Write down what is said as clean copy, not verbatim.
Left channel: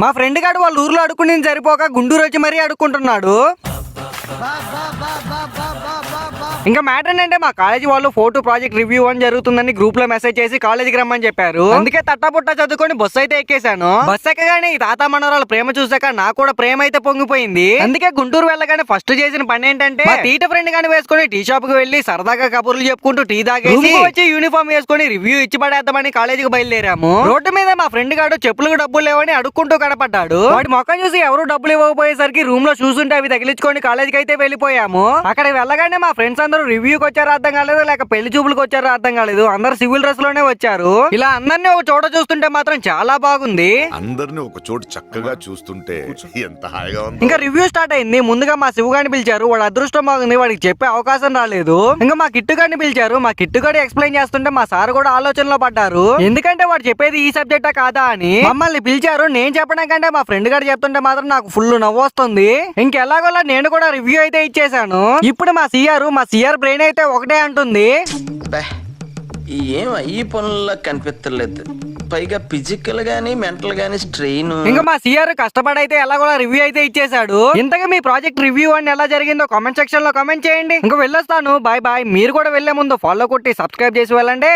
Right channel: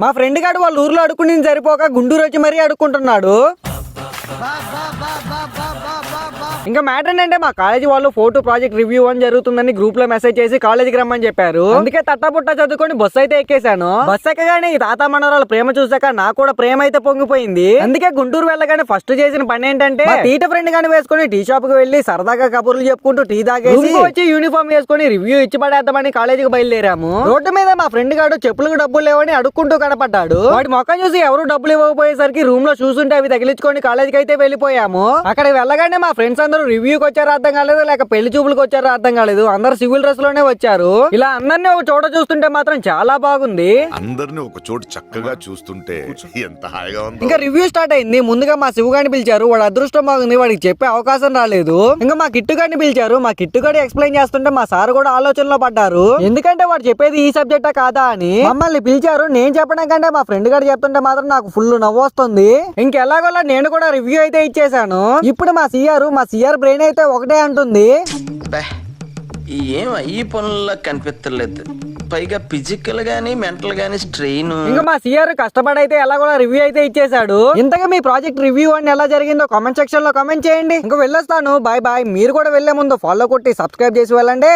మా ఫ్రెండ్ గాడు వాళ్ళ ఊర్లో అడుక్కుని సరిపోక గుంటూరు వచ్చి మరీ అడుక్కుంటున్నాడు. ఇంకా మ్యాటర్ ఏంటంటే మా కాలేజీ వాళ్ళు ఫోటో ప్రాజెక్ట్ రివ్యూ అని జరుగుతుందని గ్రూప్ లో మెసేజ్ చేసి కాలేజీకి రమ్మని చెప్పారు. అందుకే తట్టపుట్ట చదువుకొని బస్సు అయితే ఎక్కేశాను. బస్సు ఎక్కగానే ఈ తాత మనవరాలు ప్రేమ చూసాక నాకు కూడా ప్రేమ అయితే పొంగిపోయింది. అందుకే గుంటూరు వెళ్ళగానే ఫస్ట్ చేసిన పని ఏంటంటే టీట ఫ్రెండ్ గాని వేసుకుని టీ షాప్ కి వెళ్లి సరదాగా కబుర్లు చెప్పుకుంటూ టీ తాగేసి వచ్చి యూనిఫామ్ వేసుకుని రివ్యూ ఇచ్చి పడేద్దామని కాలేజీకి బయలుదేరాము. రోడ్డు మీద మా ఫ్రెండ్ గాడు చెప్పులకు డబ్బులు లేవని అడుక్కుంటూ కనపడ్డాడు. వాడి మొక్క చూసి ఎవరు డబ్బులు ఇవ్వకపోయేసరికి రూమ్ లో చూసుంటే అవి తగిలించుకొని కాలేజీకి అయితే వెళ్ళిపోయాము. అక్కడ వెళ్ళగానే మా ఫ్రెండ్స్ అందరూ రివ్యూకి వచ్చారో అర్థం కాలేదు, లేక పెళ్లి చూపులకు వచ్చారో అర్థం కాలేదు. అందరు సివిల్ డ్రెస్ లోనే వచ్చారు. ఇలా అందరినీ ఒక చోట చూస్తుంటే మాత్రం చాలా బాగుంది. అందరిని ఒక చోటు చక్కగా చూస్తుంటే ఎంత హాయిగా ఉంది. ఇంకా రివ్యూ స్టార్ట్ అయింది. ముందుగా మా శివగాడిని పిలిచారు. వాడు అదృష్టం బాగుంది, వాడికి చెప్పే అవకాశం రాలేదు. ఇంకా మా కిట్టుగాడిని పిలిచారు. మా కిట్టుగాడి ఎక్స్ప్లెయిన్ చేస్తుంటే మా సార్ కూడా ఆలోచనలో పడ్డారు. ఎందుకంటే వాడు చెప్పేది ఈ సబ్జెక్టా కాదా అని. మమ్మల్ని పిలిచారు. నేను చెప్పడం కంటే మా ఫ్రెండ్ గారు చెప్తుంటే మాత్రం నాకు ఫుల్ నవ్వు వస్తుంది. ఇంకెలాగోలా నేను కూడా రివ్యూ అయితే ఇచ్చేసాను. ఇప్పుడు మా సిఆర్ బ్రెయిన్ అయితే ఒకటే అంటుంది, ఏం ఈ పనుల్లో కనిపించలేదు, పైగా ఫిజికల్ గానీ మెంటల్ గానీ స్ట్రెయిన్. ఇంకా మా సిఆర్ కష్టపడి అయితే ఎలాగోలా రివ్యూ అయితే ఇచ్చేసాడు. ఇంతగా మీ ప్రాజెక్ట్ రివ్యూ అని ఎలా జరిగిందో కామెంట్ సెక్షన్ లో కామెంట్ చేయండి. ఇంకా వెళ్ళొస్తాను. Bye bye. మీరు కూడా వెళ్లే ముందు ఫాలో కొట్టి సబ్స్క్రైబ్ చేసి వెళ్ళండి.